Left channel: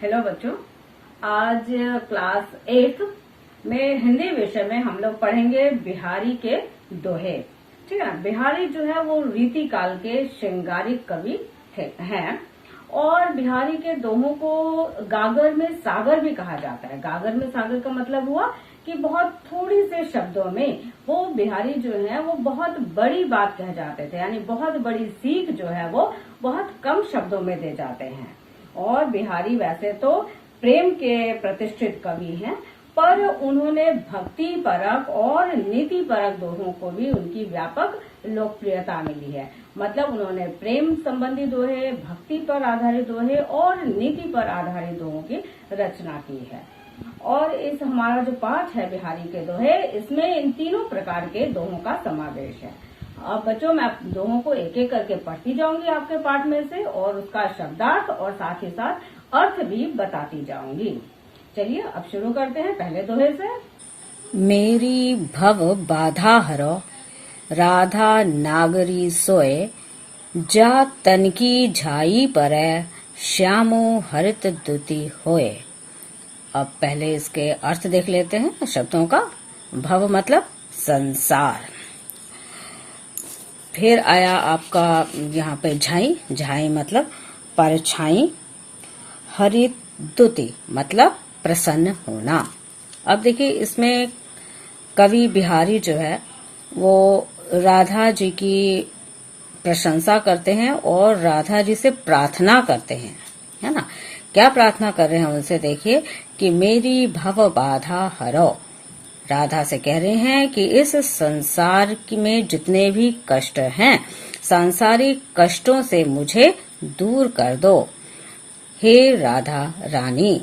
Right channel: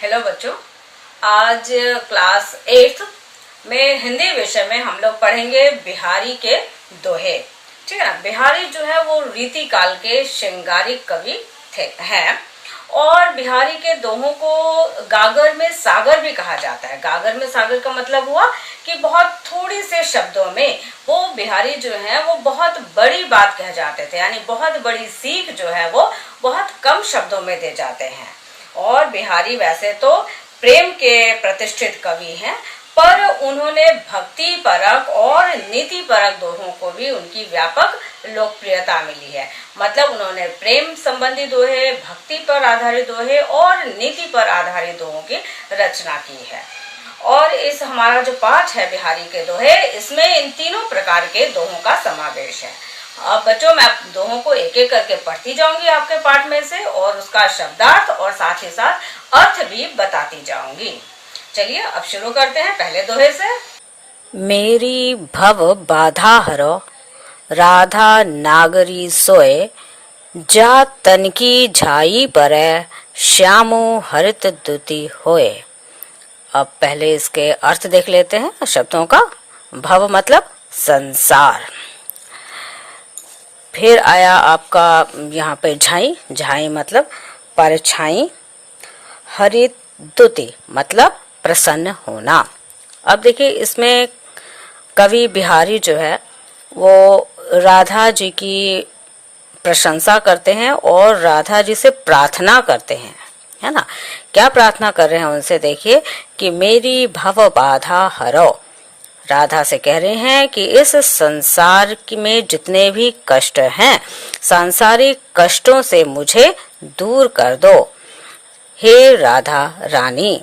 Hello बच्चों, आज class 8 में हिंदी विषय में हम लोग पढ़ेंगे बिहारी के दोहे। ठीक है ना। बिहारी जो है वो रीति काल के श्रृंगारिक कवि हैं और बिहारी के दोहों को गागर में सागर भी कहा जाता है। गागर में सागर का मतलब हुआ कि बहुत थोड़ी से शब्दों में वो बिहारी जो है वो बहुत बड़ी बात कह जाते थे, यानी बहुत बड़ी सीख जो है वो बहुत कम शब्दों में दे जाते हैं। और बिहारी वैसे तो प्रेम के प्रतिष्ठित कवि हैं, पर उन्होंने भक्ति परक और नीति परक दोहों को भी उनकी व्यापक लोकप्रियता मिली है। मतलब उन्होंने प्रेम संबंधी दोहे, भक्ति पर आधारित दोहे और नीति पर आधारित दोहों की रचना की है। और इस हमारा जो पाठ है बिहारी के दोहे, इसमें इन तीनों प्रकार के दोहों का समावेश है। अब बच्चों, मैं दोहों को एक एक करके पढ़ती जाऊंगी आपके पाठ में से और उसका शब्दार्थ और साथ ही साथ अर्थ भी बताती जाऊंगी। चलिए अब शुरू करते हैं पहले दोहे से। मेरी भव बाधा हरो, राधा नागरी सोए, जा तनकी झाई परै, श्यामो हरित दुति होए। अब पहले इसके अर्थ देख लेते हैं शब्दों का। भव मतलब संसार, फिर आया आपका यहाँ पे झाई, झाई मतलब परछाई, हरित दुति मतलब प्रसन्न होना। अब देखिए इसमें कवि बिहारी जो है वो राधा जी की प्रशंसा करते हैं और राधा जी से प्रार्थना करते हैं, है ना। क्या प्रार्थना कर रहे हैं उनसे, देखिए कि मेरी भव बाधा हरो। राधा से कह रहे हैं कि इस संसार में जितने भी कष्ट हैं, सांसारिक कष्टों से मुझे दूर कर दो हे राधा रानी।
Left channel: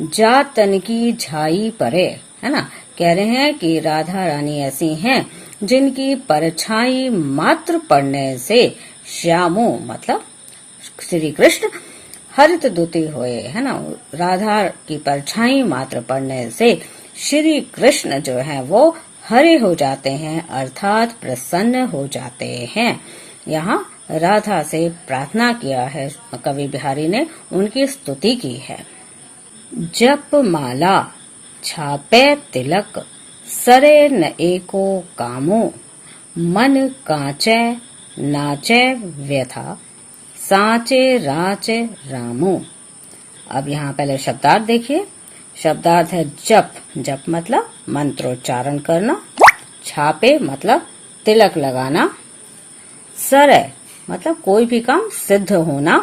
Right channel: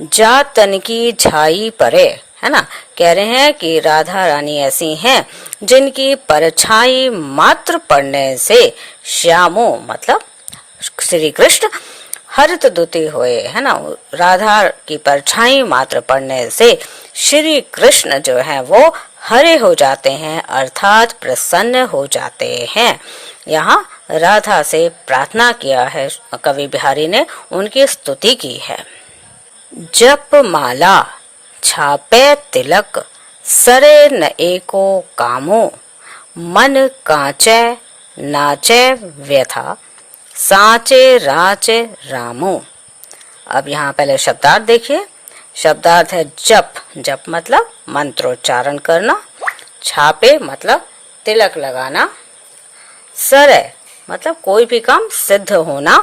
जा तन की झाई परे, है ना। कह रहे हैं कि राधा रानी ऐसी हैं जिनकी परछाई मात्र पड़ने से श्यामो मतलब श्री कृष्ण हरित दुति होए, है ना। राधा की परछाई मात्र पड़ने से श्री कृष्ण जो है वो हरे हो जाते हैं, अर्थात प्रसन्न हो जाते हैं। यहाँ राधा से प्रार्थना किया है कवि बिहारी ने, उनकी स्तुति की है। जप माला छापे तिलक, सरे न एको कामो, मन कांचे नाचे व्यथा, साचे राचे रामो। अब यहाँ पहले शब्दार्थ देखिए। शब्दार्थ है जप, जप मतलब मंत्रोच्चारण करना, छापे मतलब तिलक लगाना, सरे मतलब कोई भी काम सिद्ध होना,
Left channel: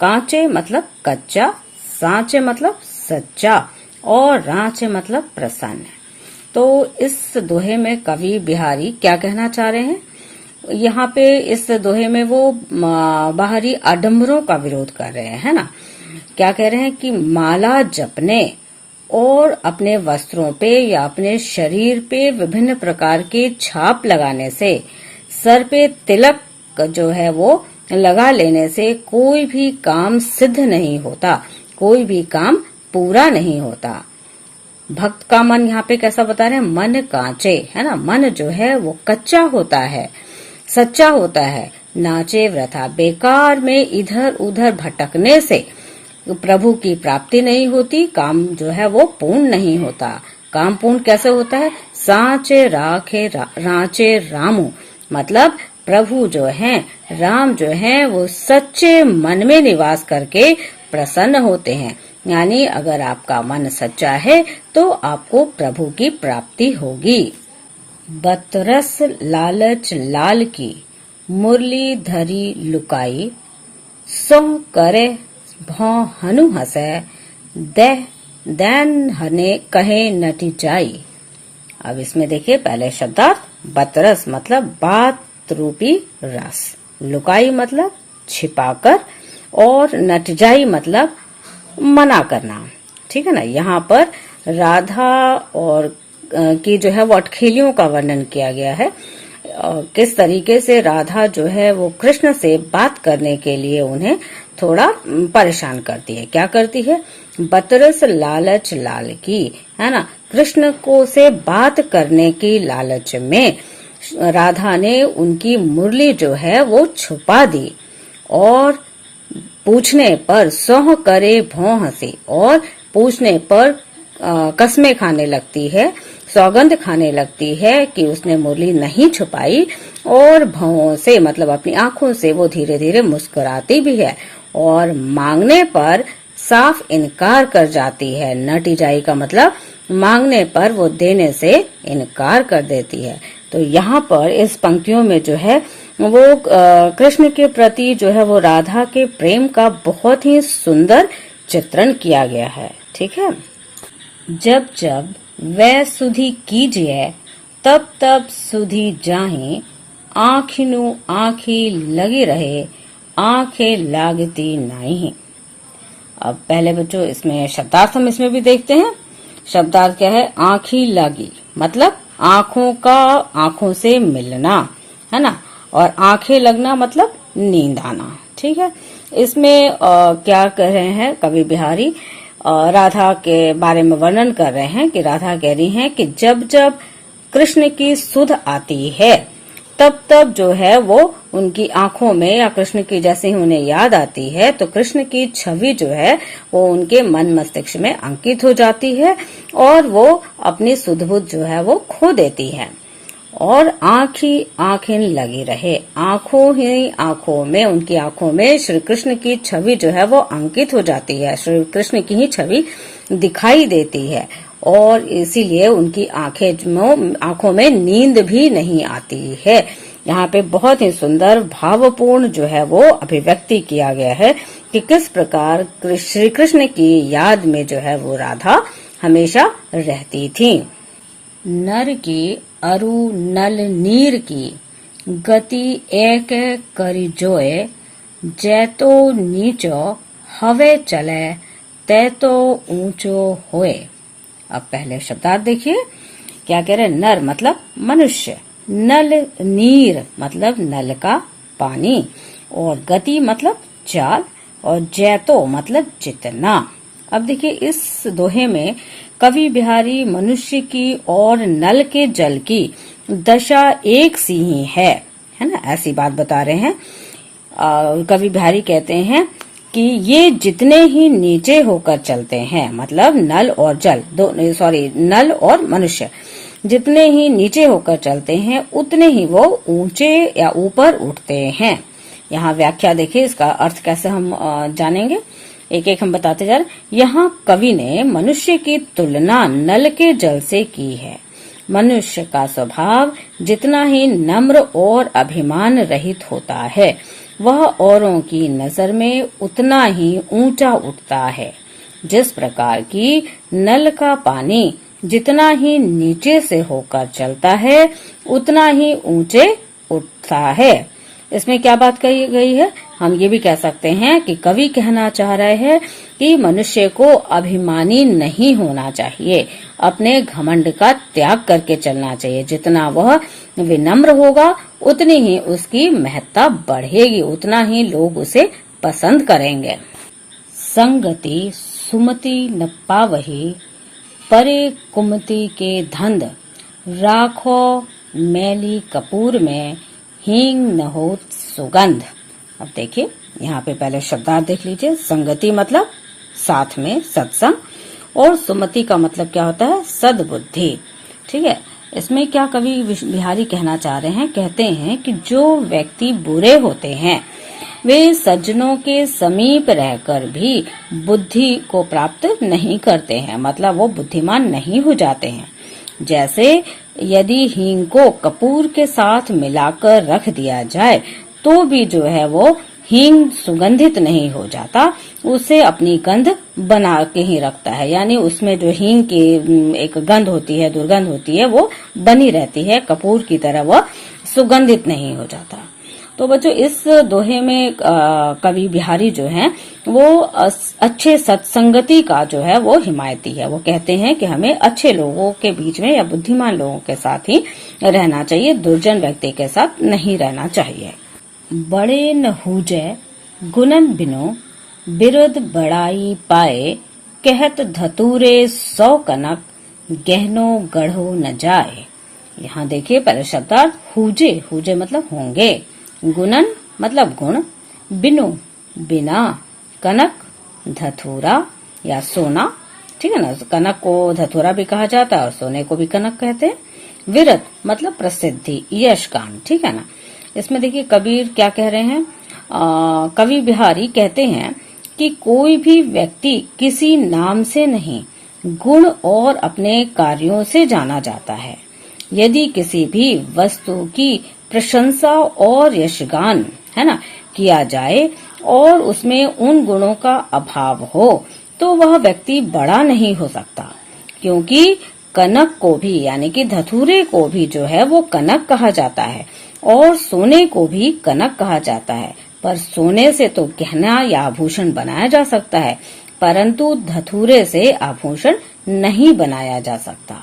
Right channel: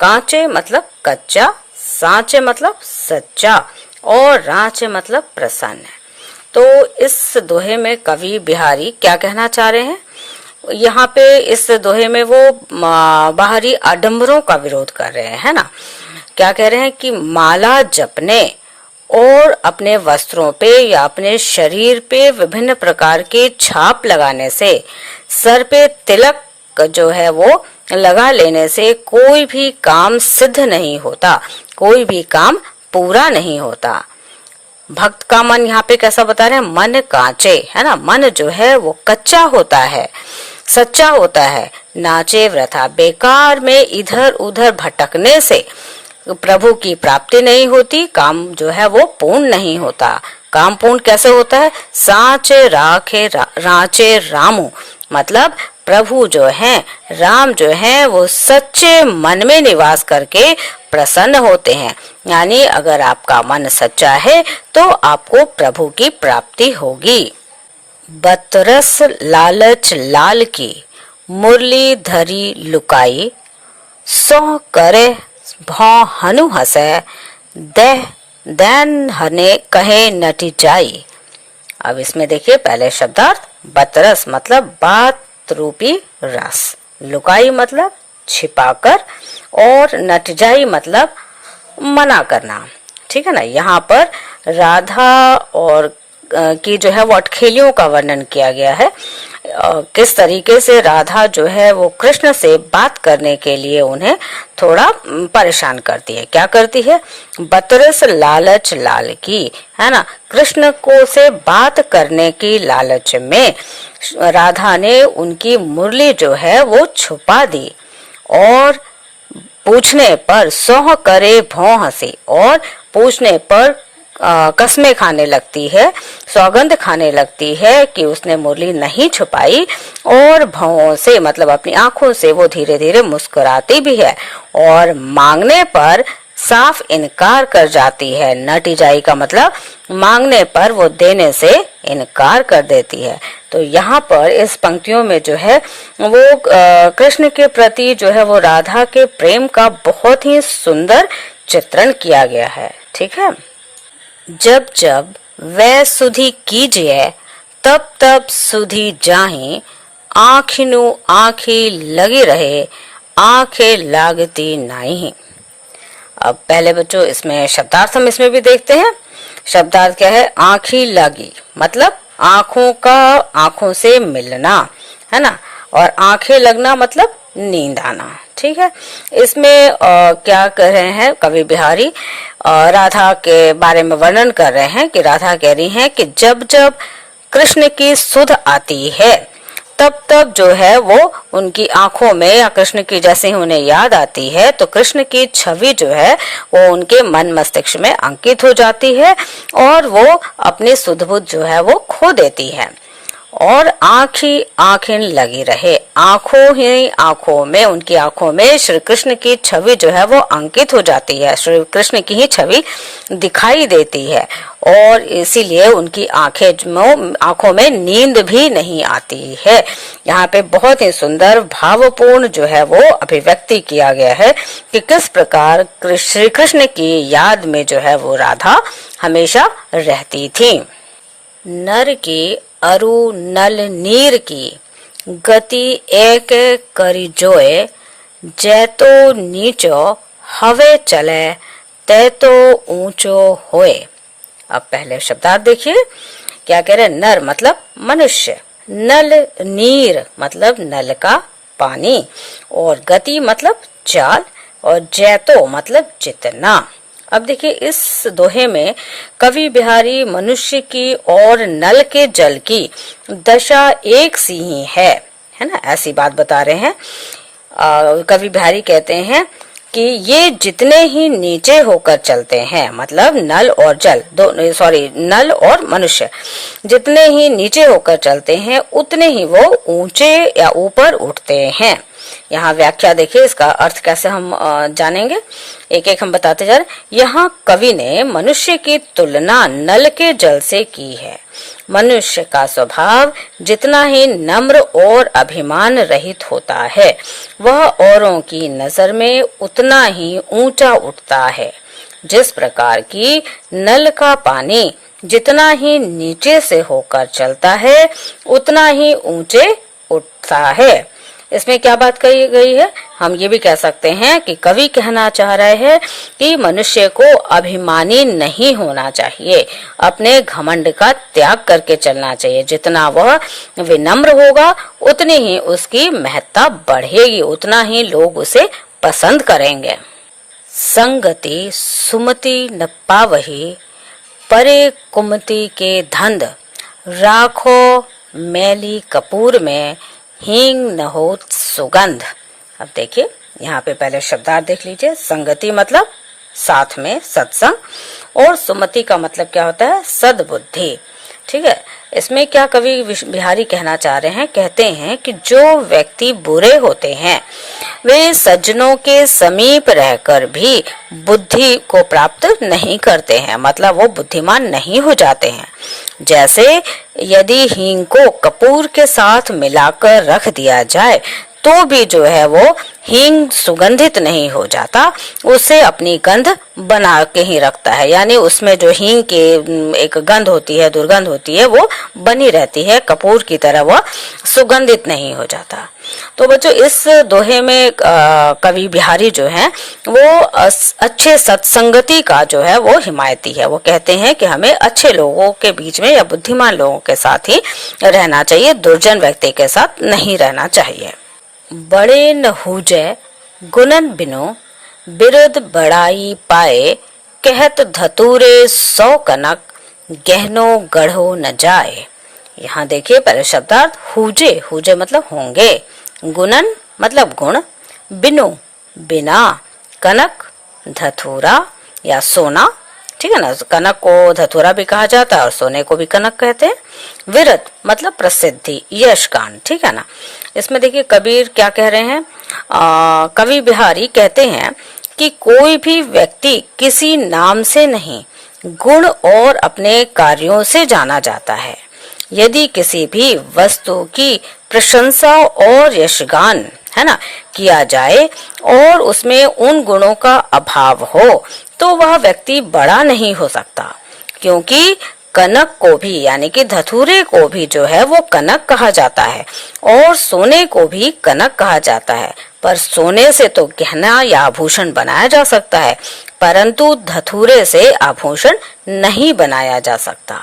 कांचे मतलब कच्चा, साचे मतलब सच्चा और राचे मतलब प्रसन्न। तो इस दोहे में कवि बिहारी क्या कहना चाह रहे हैं, यहाँ पे इस दोहे में वो बाहरी आडंबरों का विरोध कर रहे हैं, है ना। क्या कह रहे हैं कि माला जपने और अपने वस्त्रों पे या अपने शरीर पे विभिन्न प्रकार के छाप लगाने से, सर पे तिलक जो है वो लगा लेने से कोई भी काम सिद्ध नहीं होता, कोई भी काम पूरा नहीं होता। भक्त का मन यहाँ पे कैसा बता रहे हैं, मन कांचे, है ना। मन जो है वो कच्चा होता है, सच्चा होता है। नाचे वृथा, बेकार में इधर उधर भटकने से प्रभु की प्राप्ति नहीं होती, काम जो है वो पूर्ण नहीं होता। काम पूर्ण कैसे होता है, साचे राखे राचे रामू मतलब प्रभु जो हैं, राम जो हैं वो सच्चे मन में निवास करके प्रसन्न होते हैं। यानी अगर आपका मन सच्चा है तो आपको प्रभु की प्राप्ति होगी। बतरस लालच लाल की, मुरली धरी लुकाई, सो करे भौ हनु हसे, दैन हने कहे नटी जाई। अब इसमें देखिए पहले शब्दार्थ, बतरस मतलब बात रूपी रस, लुकाई मतलब छिपाकर और नटजाई मतलब मना करना। ठीक है ना। यहाँ पर राधा और की जो है वो अटखेलियों का वर्णन किया गया है। किस तरीके से राधा जो है वो कृष्ण से बात करने के लिए उन्हें थोड़ा परेशान करती है। क्या करती है, बतरस लालच लाल की, है ना। कृष्ण को से बात करने की लालच में राधा ने उनकी मुरली जो है वो छुपा दी और पूछने पर सौह करे भौं हंसे, और पूछने पर कस्में खाने लगती है, सौगंध खाने लगती है कि उसने मुरली नहीं छुपाई, और भौं से मतलब अपनी आंखों से वो धीरे धीरे मुस्कुराती भी है, और मांगने पर साफ इनकार कर जाती है। नटीजाई का मतलब मांगने पर वो देने से इनकार कर देती है। तो यहाँ पर इस पंक्तियों में जो है वो कृष्ण के प्रति जो है वो राधा के प्रेम का बहुत ही सुंदर चित्रण किया गया है। ठीक है। जब जब वह सुधि कीजिए तब तब सुधि जाहि, आँखिनु आँखी लगी रहे आंखें लागती नहीं। अब पहले बच्चों इसमें शब्दार्थ हम इसमें भी देखते हैं। शब्दार्थ क्या है? आंखी लगी मतलब आंखों से मिलना, है ना, और आंखें लगना मतलब नींद आना। ठीक है। इसमें क्या कर रहे हैं कवि बिहारी? राधा के बारे में वर्णन कर रहे हैं कि राधा कह रही हैं कि जब जब कृष्ण की सुध आती है तब तब जो है वो उनकी आंखों में, या कृष्ण की जैसे ही उन्हें याद आती है तो कृष्ण की छवि जो है वो उनके मन मस्तिष्क में अंकित हो जाती है, और वो अपनी सुध बुध जो है वो खो देती है, और आंखें लगी रहे, आंखों में, उनकी आंखों में श्री कृष्ण की छवि जो है वो अंकित हो जाती है, श्री कृष्ण की ही छवि दिखाई देती है, और इसीलिए उनकी आंखों में नींद भी नहीं आती है। यहाँ पे बहुत ही सुंदर भावपूर्ण जो है वो अभिव्यक्ति किया गया है कि किस प्रकार श्री कृष्ण की याद में जो है वो राधा हमेशा रहती थी। नर की अरु नल नीर की गति एक करी जोए, जैतो नीचो हवे चले तैतो ऊंचो होए। अब पहले शब्दार्थ देखिए क्या कह रहे हैं। नर मतलब मनुष्य, नल नीर मतलब नल का पानी, और गति मतलब चाल, और जैतो मतलब जितना। अब देखिए इस दोहे में कवि बिहारी मनुष्य की और नल के जल की दशा एक सी ही है ना, ऐसी बात बता रहे हैं। कवि बिहारी कहते हैं कि ये जितने ही नीचे होकर चलते हैं, मतलब नल और जल नल और मनुष्य जितने ही नीचे होकर चलते हैं उतने ही वो ऊंचे या ऊपर उठते हैं। यहाँ व्याख्या देखिए, इसका अर्थ कैसे हम जानेंगे, एक एक हम बताते जा रहे। यहाँ कवि ने मनुष्य की तुलना नल के जल से की है। मनुष्य का स्वभाव जितना ही नम्र और अभिमान रहित होता है, वह औरों की नजर में उतना ही ऊंचा उठता है। जिस प्रकार की नल का पानी जितना ही नीचे से होकर चलता है उतना ही ऊंचे उठता है। इसमें क्या बात कही गई है? हम ये भी कह सकते हैं कि कवि कहना चाह रहे हैं कि मनुष्य को अभिमानी नहीं होना चाहिए, अपने घमंड का त्याग करके चलना चाहिए। जितना वह विनम्र होगा उतनी ही उसकी महत्ता बढ़ेगी, उतना ही लोग उसे पसंद करेंगे। संगति सुमति न पावही, परे कुमति के धंध, राखो मैली कपूर में हींग न हो सुगंध। अब देखिए यहाँ पे पहले शब्दार्थ देख लीजिए। संगति मतलब साथ में सत्संग, और सुमति का मतलब क्या होता है? सद्बुद्धि। ठीक है। इसमें क्या कवि बिहारी कहना चाह रहे हैं? कहते हैं कि जो व्यक्ति बुरे होते हैं वे सज्जनों के समीप रहकर भी बुद्धि को प्राप्त नहीं करते हैं, मतलब वो बुद्धिमान नहीं हो जाते हैं। जैसे यदि हींग को कपूर के साथ मिलाकर रख दिया जाए तो भी जो है वो हींग सुगंधित नहीं हो जाता, उसे अपनी गंध बना के ही रखता है, यानी उसमें जो हींग की एक गंध होती है, दुर्गंध होती है, वो बनी रहती है, कपूर की तरह वो सुगंधित नहीं हो जाता। तो बच्चों इस दोहे में कवि बिहारी जो हैं वो अच्छे सत्संगति का जो है वो हिमायती है। वो कहते हैं कि हमें अच्छे लोगों के बीच में या बुद्धिमान लोगों के साथ ही रहना चाहिए, दुर्जन व्यक्ति के साथ नहीं रहना चाहिए। बड़े न हुजे गुणन बिनो, बिरुद बड़ाई पाए, कहत धतूरे 100 कनक, गहनो गढ़ो न जाए। यहाँ देखिए पहले शब्दार्थ हुजे, हुजे मतलब होंगे, गुणन मतलब गुण, बिनु बिना, कनक, धतूरा या सोना, ठीक है ना। कनक को धतूरा भी कहा जाता है और सोने को भी कनक कहते हैं। विरत मतलब प्रसिद्धि, यश गान, ठीक है ना। इसमें देखिए कबीर क्या कह रहे हैं, कवि बिहारी कहते हैं कि कोई भी व्यक्ति किसी नाम से नहीं, गुण और अपने कार्यों से जाना जाता है। यदि किसी भी वस्तु की प्रशंसा और यशगान, है ना, किया जाए और उसमें उन गुणों का अभाव हो तो वह व्यक्ति बड़ा नहीं हो सकता, क्योंकि कनक को भी यानी कि धतूरे को भी जो है वो कनक कहा जाता है और सोने को भी कनक कहा जाता है। पर सोने से तो गहना या आभूषण बनाया जा सकता है, परंतु धतूरे से आभूषण नहीं बनाया जा सकता।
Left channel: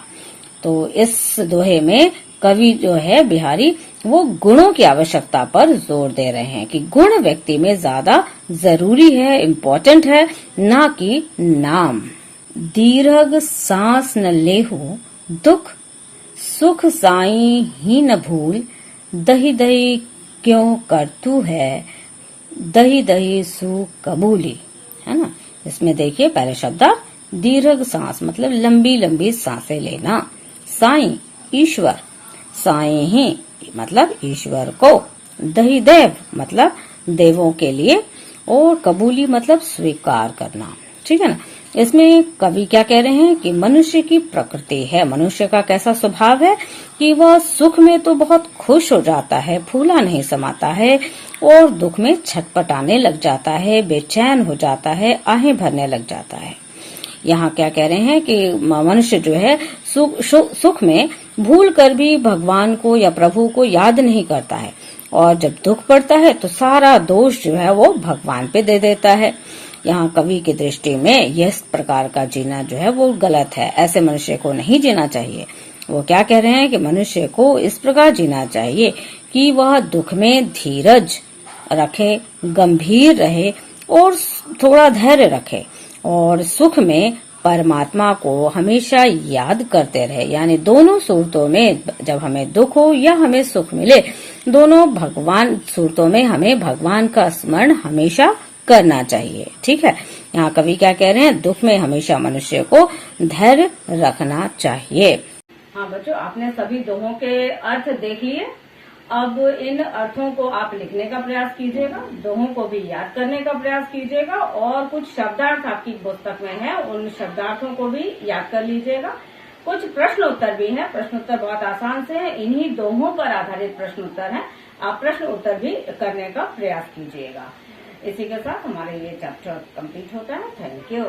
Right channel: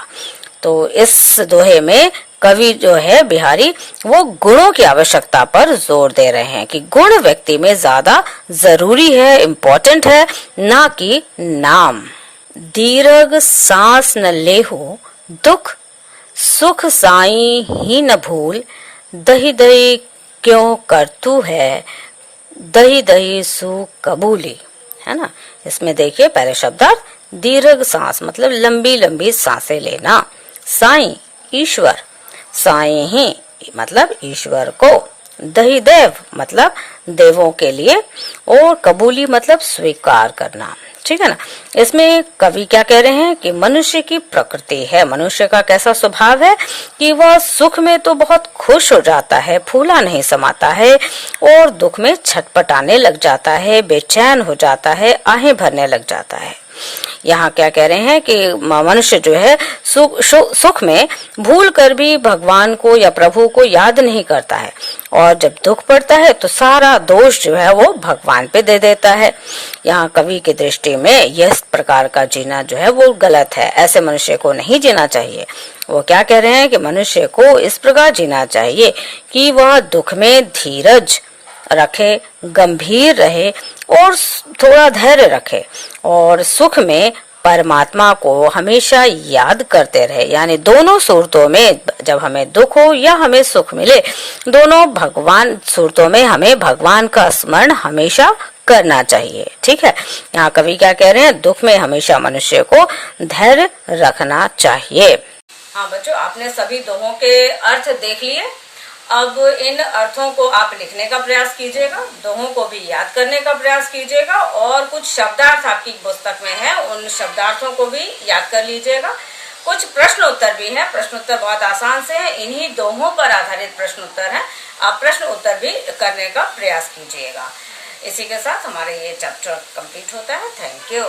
तो इस दोहे में कवि जो है बिहारी वो गुणों की आवश्यकता पर जोर दे रहे हैं कि गुण व्यक्ति में ज्यादा जरूरी है, इम्पोर्टेंट है, ना कि नाम। दीर्घ सांस न लेहु दुख, सुख साई ही न भूल, दही दही क्यों करतू है, दही दही सुख कबूली, है ना। इसमें देखिए पहले शब्दार्थ, दीर्घ सांस मतलब लंबी लंबी सांसें लेना, साई ईश्वर, साई ही मतलब ईश्वर को, दही देव मतलब देवों के लिए, और कबूली मतलब स्वीकार करना, ठीक है ना। इसमें कवि क्या कह रहे हैं कि मनुष्य की प्रकृति है, मनुष्य का कैसा स्वभाव है कि वह सुख में तो बहुत खुश हो जाता है, फूला नहीं समाता है, और दुख में छटपटाने लग जाता है, बेचैन हो जाता है, आहें भरने लग जाता है। यहाँ क्या कह रहे हैं कि मनुष्य जो है सुख में भूल कर भी भगवान को या प्रभु को याद नहीं करता है, और जब दुख पड़ता है तो सारा दोष जो है वो भगवान पे दे देता है। यहाँ कवि की दृष्टि में यह प्रकार का जीना जो है वो गलत है, ऐसे मनुष्य को नहीं जीना चाहिए। वो क्या कह रहे हैं कि मनुष्य को इस प्रकार जीना चाहिए कि वह दुख में धीरज रखे, गंभीर रहे और थोड़ा धैर्य रखे, और सुख में परमात्मा को हमेशा याद करते रहे। यानी दोनों सूरतों में, जब हमें दुख हो या हमें सुख मिले, दोनों भगवान सूरतों में हमें भगवान का स्मरण हमेशा करना चाहिए, ठीक है। यहाँ कवि क्या कह रहे हैं, दुख में हमेशा मनुष्य को धैर्य रखना चाहिए। हाँ बच्चों, आपने सभी दोहों के अर्थ देख लिए। अब इन अर्थों को आप लिखने का प्रयास कीजिएगा, दोहों को भी याद करने का प्रयास कीजिएगा, और कुछ शब्दार्थ आपकी पुस्तक में है, उन शब्दार्थों को भी याद कर लीजिएगा। कुछ प्रश्न उत्तर भी हैं, प्रश्न उत्तर बहुत आसान से हैं, इन्हीं दोहों पर आधारित प्रश्न उत्तर हैं, आप प्रश्न उत्तर भी करने का प्रयास कीजिएगा। इसी के साथ हमारे ये चैप्टर कंप्लीट होता है। Thank you.